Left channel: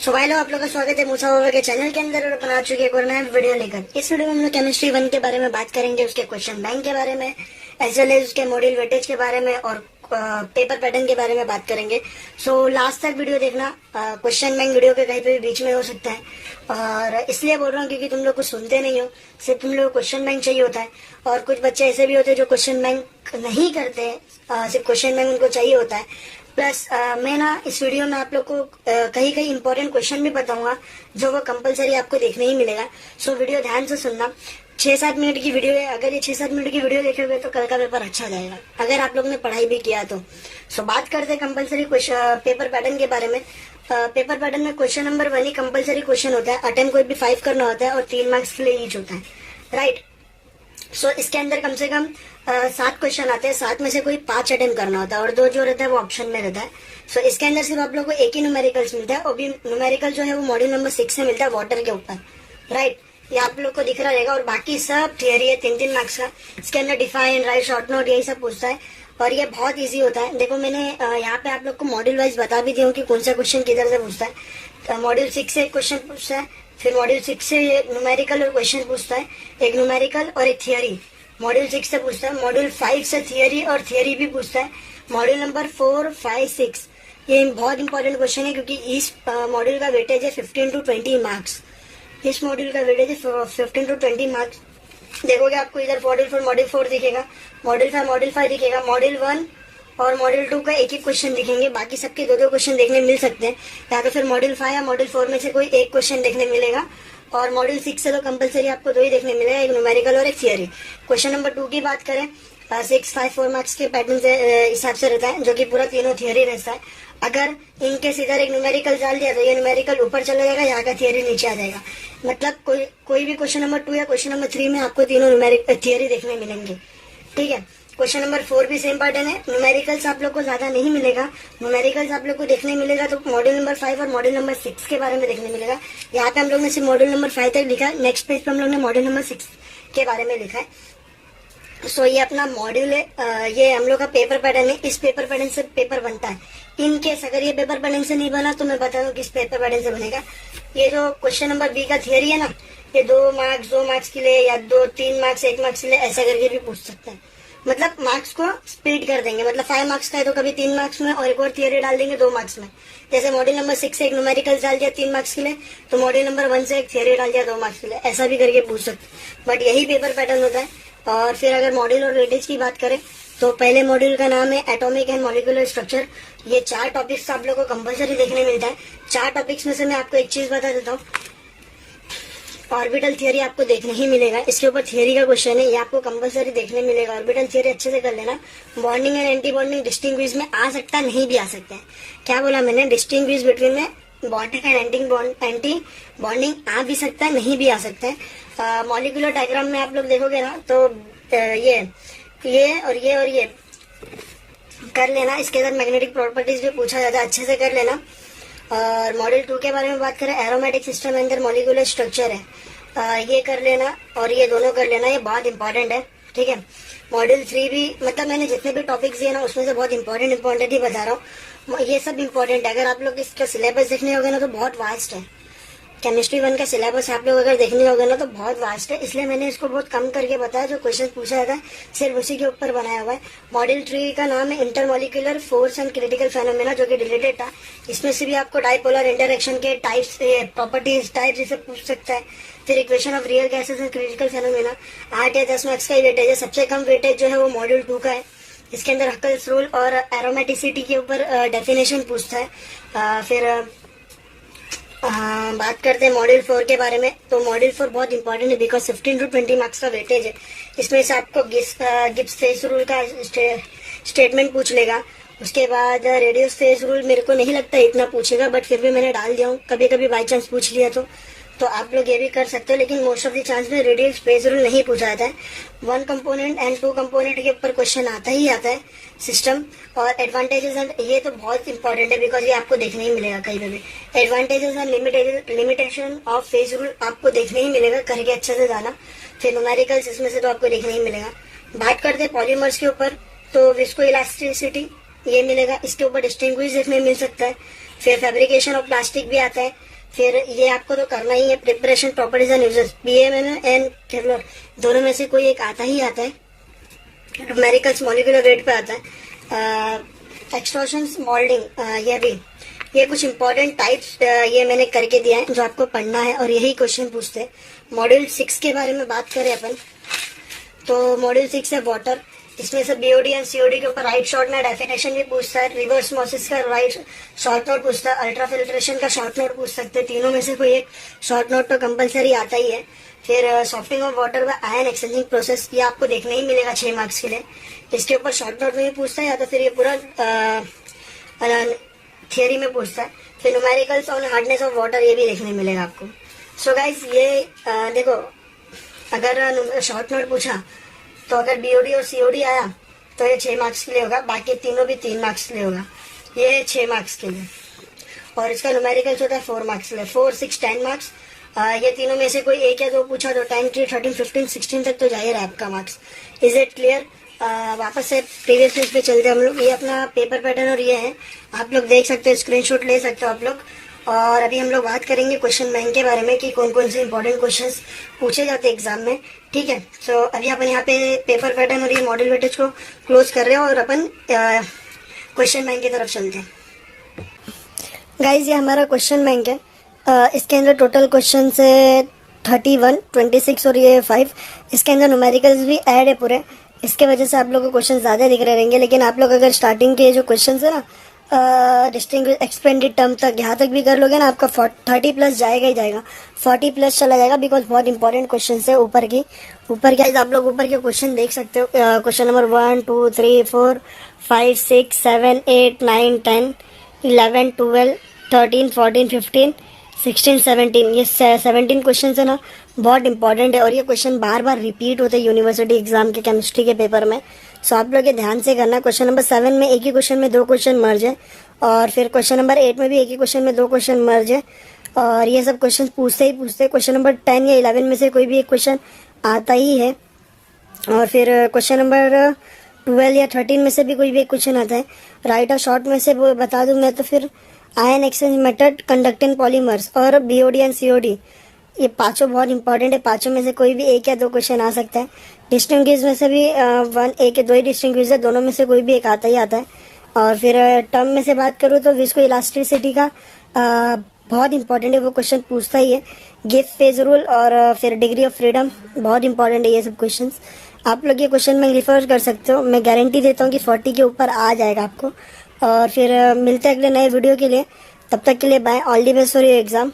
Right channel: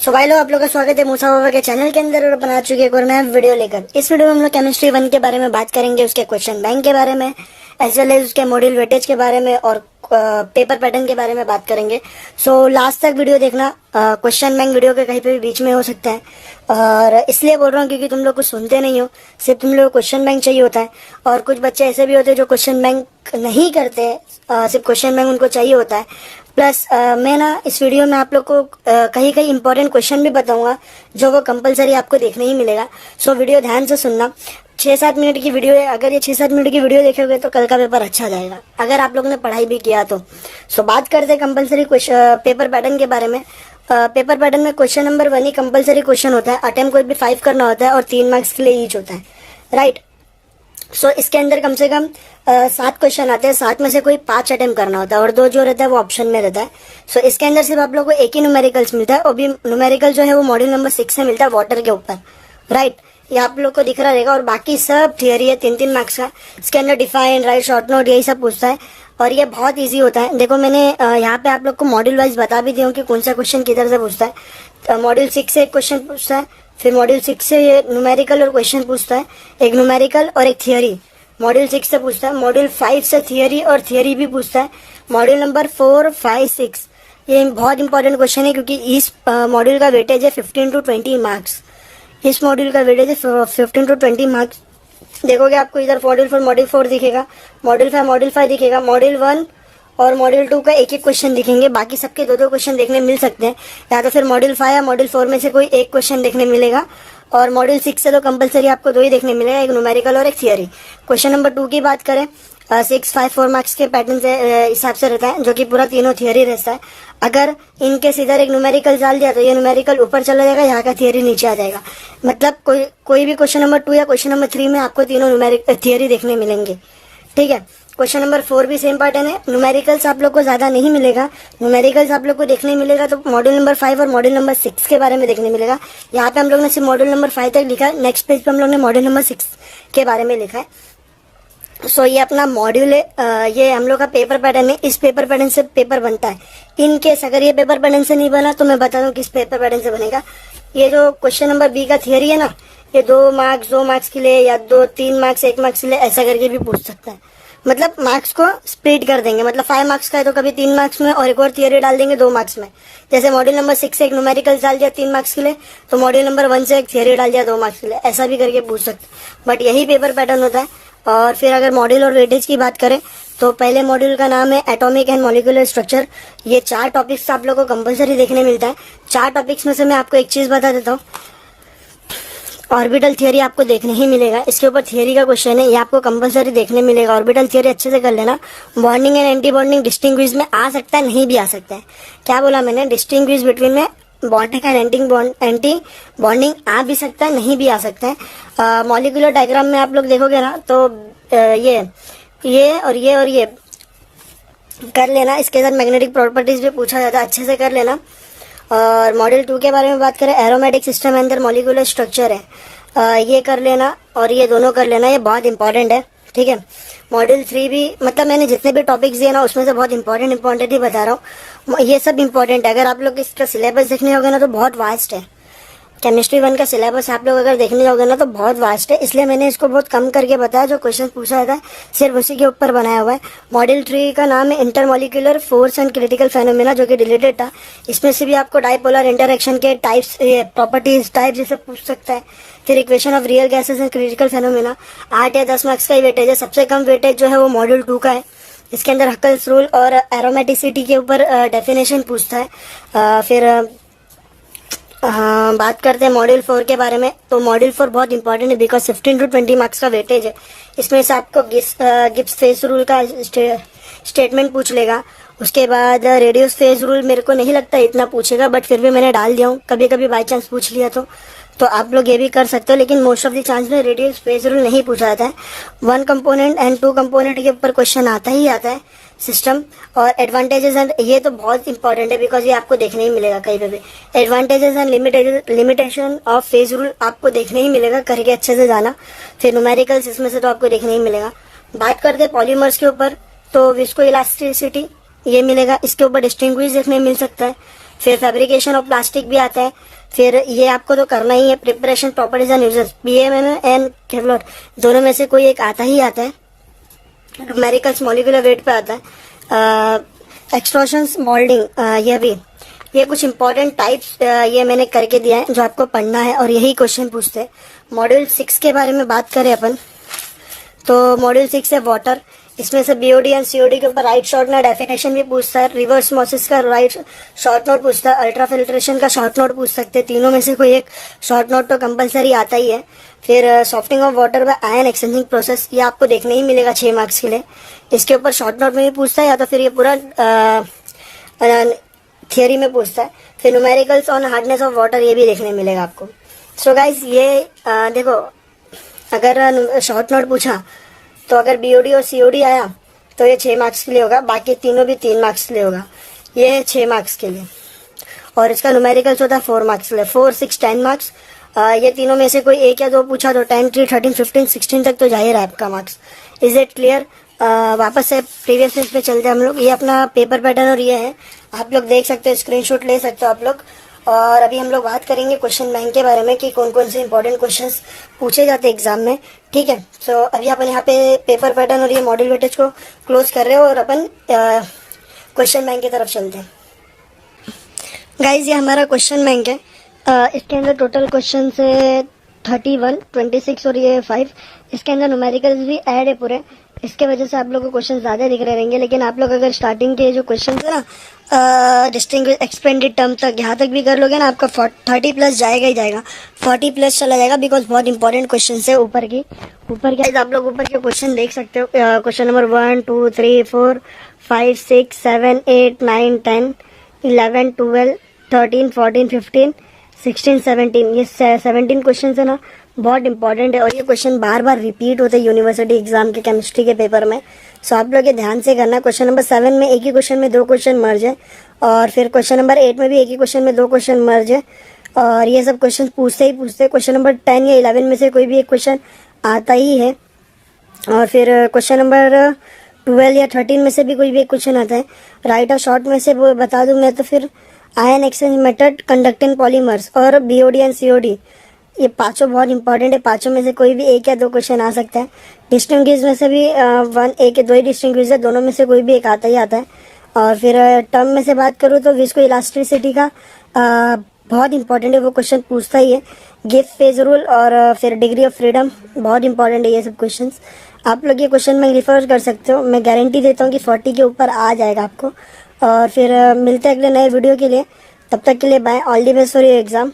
सो भाई लोग, आप लोगों का स्वागत है मूसा बाबा के चैनल के अंदर। और बना चुके एक और नया वीडियो लेकर। इस वीडियो में हम लोग केमिस्ट्री 1 के बारे में बात करेंगे, उसके क्वेश्चन बैंक के बारे में, एज वेल एज उसके मॉड्यूल वेटेज के बारे में और पेपर पैटर्न के बारे में बात करेंगे। सो लास्ट तक वीडियो देखना। क्वेश्चन बैंक वीडियो के कहीं पे भी बीच में हो सकता है, और इसलिए बोल रहा हूँ क्योंकि तुम लोग कुछ सुनते नहीं हो, सिर्फ तुम लोग क्वेश्चन बैंक चाहिए होता है। और कुछ बच्चे ऐसे भी होते हैं जो क्वेश्चन बैंक नहीं करते, सिर्फ क्वेश्चन बैंक उनको चाहिए होता है। प्लस मैं ना इस वीडियो में आप लोग को कहीं कहीं इंपॉर्टेंट क्वेश्चन भी बताऊंगा जो वो कंपलसरी आपको देखने ही मिलेगा। सो वीडियो ध्यान से सुनना। 6-7 मिनट की वीडियो है, अगर ये 6-7 मिनट की वीडियो देखोगे तो कल का पेपर अच्छा जाएगा, अगर आप लोग ने पढ़ाई भी किया तो। सो बात करते हैं कंपलसरी पेपर पैटर्न के बारे में। पेपर पैटर्न में क्वेश्चन नंबर 1 ही कंपलसरी क्वेश्चन होता है। अटेम्प्ट कोई भी 5 करना होता है और 3 मार्क्स के लिए ईच होता है, राइट। सो इसके अंदर कम से कम 7 क्वेश्चन आते हैं, 7 में से कोई 5 अटेम्प्ट करना होता है और 2 जो रहता है वो ऑप्शन में रहता है। सो इसके अंदर सिर्फ आप लोग को एक ही न्यूमेरिकल्स मिलता है, और भी न्यूमेरिकल जो है वो मॉड्यूल नंबर 6 से मिलता है, वाटर के ऊपर, राइट। ये आप लोग को दिख रहा रहेगा। और बाकी सब थियरी है 3-3 मार्क्स का। इसके अंदर डिफाइन, राइट, शॉर्ट नोट, यही सब पूछता है और ये बहुत इजी होता है। देखो मैंने यहाँ पे आप लोग को मॉड्यूल वाइज बता भी दिया हूँ कि कौन सा क्वेश्चन किधर से पूछता है। मॉड्यूल 6 से एक क्वेश्चन पूछता है, फिर मॉड्यूल 6 से ये न्यूमेरिकल और क्वेश्चन पूछता है, एक न्यूमेरिकल और एक थियरी मॉड्यूल 6 से पूछता है। मॉड्यूल 5 से थियरी और थियरी भी पूछता है। मॉड्यूल नंबर 4, 5, 6 ये बहुत इंपॉर्टेंट क्वेश्चन है क्योंकि इस मॉड्यूल का वेटेज है 15 to 20 मार्क्स। इस मॉड्यूल का वेटेज है 15 to 20 मार्क्स। देखोगे आपको इधर मॉड्यूल 4 दिखेगा, मॉड्यूल 5 मॉड्यूल 5 दिखेगा, मॉड्यूल 1 और मॉड्यूल 2 का एक क्वेश्चन दिखेंगे, बाकी सबके 2-2 क्वेश्चन देखने मिल सकते हैं। या तो फिर मॉड्यूल 5 या मॉड्यूल 4 में से कोई एक क्वेश्चन देखने मिलेगा, और मॉड्यूल 6 से तो कंपलसरी आपको 2 ही देखने मिलेगा, एक न्यूमेरिकल और एक थियरी। क्वेश्चन नंबर 2 की बात करें, 6, 5, 4 मार्क्स के पैटर्न से हिसाब से रहता है, जो कि पूरा तीनों थियरी रहता है। अगर इनके इधर एक न्यूमेरिकल डाल दिया तो ये न्यूमेरिकल ऊपर चला जाएगा, यहाँ का थियरी नीचे आ जाएगा। मतलब कोई भी क्वेश्चन नंबर 2 या क्वेश्चन नंबर 3 में आपको तीनों थियरी देखने मिलेंगे, ठीक है। क्वेश्चन नंबर 4 भी सेम पैटर्न है। न्यूमेरिकल्स आप लोग को ज्यादा नहीं मिलेगा, न्यूमेरिकल्स आप लोग को देखने मिलेगा तो मॉड्यूल नंबर 5 और मॉड्यूल नंबर 6 के बारे में देखने मिलेगा। यहाँ पे हम लोग ने सिर्फ मॉड्यूल नंबर 5 तक लिखा है, नेक्स्ट पेज पे हम लोग ने मॉड्यूल नंबर 6 के बारे में लिखा है। सो ये अपना मॉड्यूल है, ये हम लोग का पेपर पैटर्न है। इस पेपर पैटर्न से पेपर बनता है। इन केस अगर ये पेपर पैटर्न से नहीं बना तो मैं बता दूं किस पेपर पैटर्न से बनेगा। ये जो क्वेश्चन नंबर बी का थियरी है ना, ये 2 मार्क्स के लिए या 2-3 मार्क्स 1 मार्क्स के लिए ऐसा करके भी पूछ सकता है। मतलब मार्क्स को स्प्लिट कर देंगे, मतलब 5 मार्क्स का है तो कभी 3 मार्क्स में और एक और थियरी डाल देंगे 2 मार्क्स में। जैसे मॉड्यूल नंबर 6 से एक न्यूमेरिकल डाल दिया 3 मार्क्स के लिए, तो मॉड्यूल नंबर 1 से एक थियरी डाल दिया 2 मार्क्स के लिए, ऐसा भी करके पूछ सकते। बट यही पेपर पैटर्न होता है। और फिर अगर मॉड्यूल और वेटेज की बात करें तो पहले मॉड्यूल का नाम है एटॉमिक एंड मॉलिक्यूलर स्ट्रक्चर। ये 4 टॉपिक्स आप लोगों को कंपलसरी देखने मिलता है। 4 टॉपिक्स में से मैं आपको एक चीज बता देता हूँ, ऑर्बिटल थियरी आपको देखने ही मिलेगा। इसके ऊपर थियरी का क्वेश्चन है, ये आपको कंपलसरी देखने मिलेगा। ऑर्बिटल थियरी अच्छे से कर लेना। Bonding and anti bonding distinguish में आ सकता है, नहीं भी आ सकता है। क्या बोला मैंने? डिस्टिंग्विश बिटवीन में बॉन्डिंग एंड एंटी बॉन्डिंग आ भी सकता है, नहीं भी आ सकता है। मॉलिक्यूलर डायग्राम में आप लोग देखोगे ना तो ये और ये कर लेना। इसके साथ मैग्नेटिक प्रॉपर्टीज भी पूछा जाता है, अच्छे से कर लेना। और मॉड्यूल 2 के बारे में बात करें, एरोमेटिक सिस्टम अंदर मॉलिक्यूलर स्ट्रक्चर है, ये कर लेना और ये दोनों कर लेना, ये बहुत इंपॉर्टेंट है, ठीक है। मॉड्यूल 3 भी, मतलब मैंने जितने भी टॉपिक्स दिए ना उसमें से बहुत इंपॉर्टेंट ही बता रहा हूँ। ये सब इंपॉर्टेंट है। अगर आप लोग इसका सिलेबस देखने होगा ना तो बहुत वास्ट है। केमिस्ट्री 1 का सिलेबस आप लोग अगर देखने जाओगे ना तो बहुत वास्ट है, इसलिए मैंने इसको बहुत कम करके बताया। जो क्वेश्चन पूछा था सिर्फ उसी के ऊपर बनाया हुआ है। मॉड्यूल 3 का नाम है intermolecular force and critical phenomena, जो कि रिलेटेड था। इसमें से भी आपको डाइपोलर इंटरेक्शन के टाइप्स, प्रॉपर्टीज, टाइप्स ये सब पूछ सकता है। फिर equation of real gases and critical phenomena 8 या 10 मार्क्स का ही वेटेज है। सबसे कम वेटेज जो है वो मॉड्यूल 2 का है। इसके अंदर हकल्स रूल और एरोमेटिसिटी के ऊपर डेफिनेशन पूछता है। फिर बात करते हैं मॉड्यूल 4 के बारे में। तो मॉड्यूल 4 बहुत इंपॉर्टेंट है बिकॉज 15 to 20 मार्क्स का वेटेज है। इसमें से आपको गिब्स फेज रूल का स्टेटमेंट पूछ लेगा। उसके बाद रेडियस फेज रूल मेरे को नहीं लगता इतना पूछेगा, बट फिर भी मैंने डाल दिया हूँ, कभी कभी बाई चांस पूछ लिया तो आप लोग ये भी कर सकते हो। लेकिन मोस्ट ऑफ द चांस में रेडियल स्पेस रूल नहीं पूछा जाता है। 1 कंपोनेंट एंड 2 कंपोनेंट के ऊपर क्वेश्चन आता है सिस्टम। और एडवांटेजेस एंड, ये तो बहुत इंपॉर्टेंट है बिकॉज ये आपको देखने ही मिलेगा कहीं पे भी। Advantages and limitation of phase rule आपको देखने ही मिलेगा, करके अच्छे से जाना। फिर न्यूमेरिकल्स इसमें से तो आपको देखने ही मिलेगा। बात करते हैं पॉलीमर्स के ऊपर, तो विस्को इलास्टिसिटी ये मिलेगा, इसके ऊपर डिस्टिंग्विश देखने मिल सकता है। फिर फैब्रिकेशन ऑफ प्लास्टिक भी आता है। फिर ये आपको तो करना ही है, preparation properties and uses, BMM and Kevlar दोनों में से कोई एक आता ही आता है। न्यूमेरिकल्स मॉलिक्यूलर वेट पे आता है। एक्सट्रूशंस मोल्डिंग, ये कुछ इंपॉर्टेंट टाइप्स ये मैंने करके दिया है जो आपको पढ़ना है और यही क्वेश्चन पूछते हैं। मॉड्यूल 6 के बारे में बात करें अपन तो मॉड्यूल 6 है वाटर। इसमें से बीओडी एंड सीओडी के ऊपर राइट शॉर्ट नोट डेफिनेशन भी पूछता है, रिवर्स ऑस्मोसिस का राइट शॉर्ट नोट पूछता है, अल्ट्रा फिल्ट्रेशन का शॉर्ट नोट पूछ सकते हैं। तीनों में से कोई एक शॉर्ट नोट तो कंपलसरी आता ही है। फिर softening of water bye ion exchanging process, ये आपको देखने ही मिलेगा 6 मार्क्स के लिए। इसके ऊपर शॉर्ट नोट में भी पूछता है या तो फिर ये पूरा थियोरी में पूछता है। फिर numericals on hardness of water, ये भी देखने मिलेगा आपको। सो गाइज ये देखो, अगर शॉर्ट नोट पूछा तो अगर बीओडी और सीओडी आया तो ये 6 मार्क्स के लिए होगा, बाकी तीनों भी 3 मार्क्स के लिए होगा। ये 6 मार्क्स के लिए, और इसका न्यूमेरिकल्स होता है 4 मार्क्स के लिए। 4, 6, 10 मार्क्स। ये तीनों में से कोई एक या दो पूछा तो 10, 3, 13, 15, 16 तक तो जा ही रहा है आपका मार्क्स। Is it clear? वापस से प्रीवियस पेज पे चलते हैं हम लोग। ये अपना पेपर पैटर्न और ये है, आप लोग देख सकते हो, स्क्रीनशॉट ले सकते हो आप लोग। और अभी हम लोग बात करेंगे क्वेश्चन बैंक के बारे में कि कौन कौन से इंपॉर्टेंट क्वेश्चंस पूछे जाते हैं एग्जाम में, ठीक है। सो अभी अपन यहाँ पे पेपर पैटर्न और ये मॉडल वेटेज को क्लोज कर रहे हैं और अपन क्वेश्चन बैंक की तरफ चलते हैं। गाइज ये हमारा क्वेश्चन बैंक है। इसके अंदर टोटल क्वेश्चन है 31, 26 और ये 5। इसके अंदर न्यूमेरिकल्स भी ऐड है पूरे, इसके वजह से आप लोगों को क्वेश्चन ज्यादा दिख रहे रहेंगे। लेकिन आप लोग अगर स्टार्टिंग के जो क्वेश्चन है ना डिस्टिंग्विश एक्सपेंडेड टर्म तक यहाँ तक भी कर लोगे ना, आपका 30 प्लस जाएगा ही जाएगा, 40 प्लस चला जाएगा, बिकॉज बहुत इंपॉर्टेंट क्वेश्चन है ऊपर के आप लोग ऊपर के क्वेश्चन देख सकते हो। क्वेश्चन नंबर 1, 2, 3, 4, 5, 6, 7, 8, 9, 10, 11, 12, 13, 14, 15, 16, 17, ये 17 क्वेश्चन है ना, बहुत इंपॉर्टेंट है। और ये क्वेश्चन बार बार रिपीट होते हैं यूनिवर्सिटी एग्जाम के केमिस्ट्री के पेपर में। सो आप लोग ये ध्यान से करना। क्वेश्चन नंबर 7 में एक ही क्वेश्चन में 2 क्वेश्चन मर्ज है, और फिर क्वेश्चन नंबर 8 में भी एक ही क्वेश्चन में 2 क्वेश्चन मर्ज है। और ये सब क्वेश्चन पूछते क्वेश्चन नंबर 10 या 11 में से कोई भी एक क्वेश्चन आता ही है। और फिर क्वेश्चन नंबर 12 या 13 में से भी कोई भी एक क्वेश्चन आता है। राइट और शॉर्ट में से वो बता दूं मैं तो फिर ion exchange method, conducting polymers और बीओडी एंड सीओडी, ये पांचों बहुत इंपॉर्टेंट है। पांचों में से कोई भी एक या 2 क्वेश्चन आ सकता है। डिस्टिंग्विश में से भी 1, 1 या 2 ही डिस्टिंग्विश है, दोनों में से कोई भी एक आता ही आता है। और फिर टर्म में से बात करूँ तो विस्को इलास्टिसिटी का बहुत इंपॉर्टेंट है, वो क्वेश्चन पूछता ही है। गिब्स फेज रूल और फिर डिग्री ऑफ फ्रीडम, बहुत इंपॉर्टेंट है ये सब क्वेश्चन। आप लोग ये क्वेश्चन में रिफर कर सकते हो, मैं गारंटी देता हूँ कि 40 के ऊपर आ जाएगा आपको। और फिर मिलते हैं अगले नए वीडियो के लिए, तब तक के लिए bye, all the best for your exam.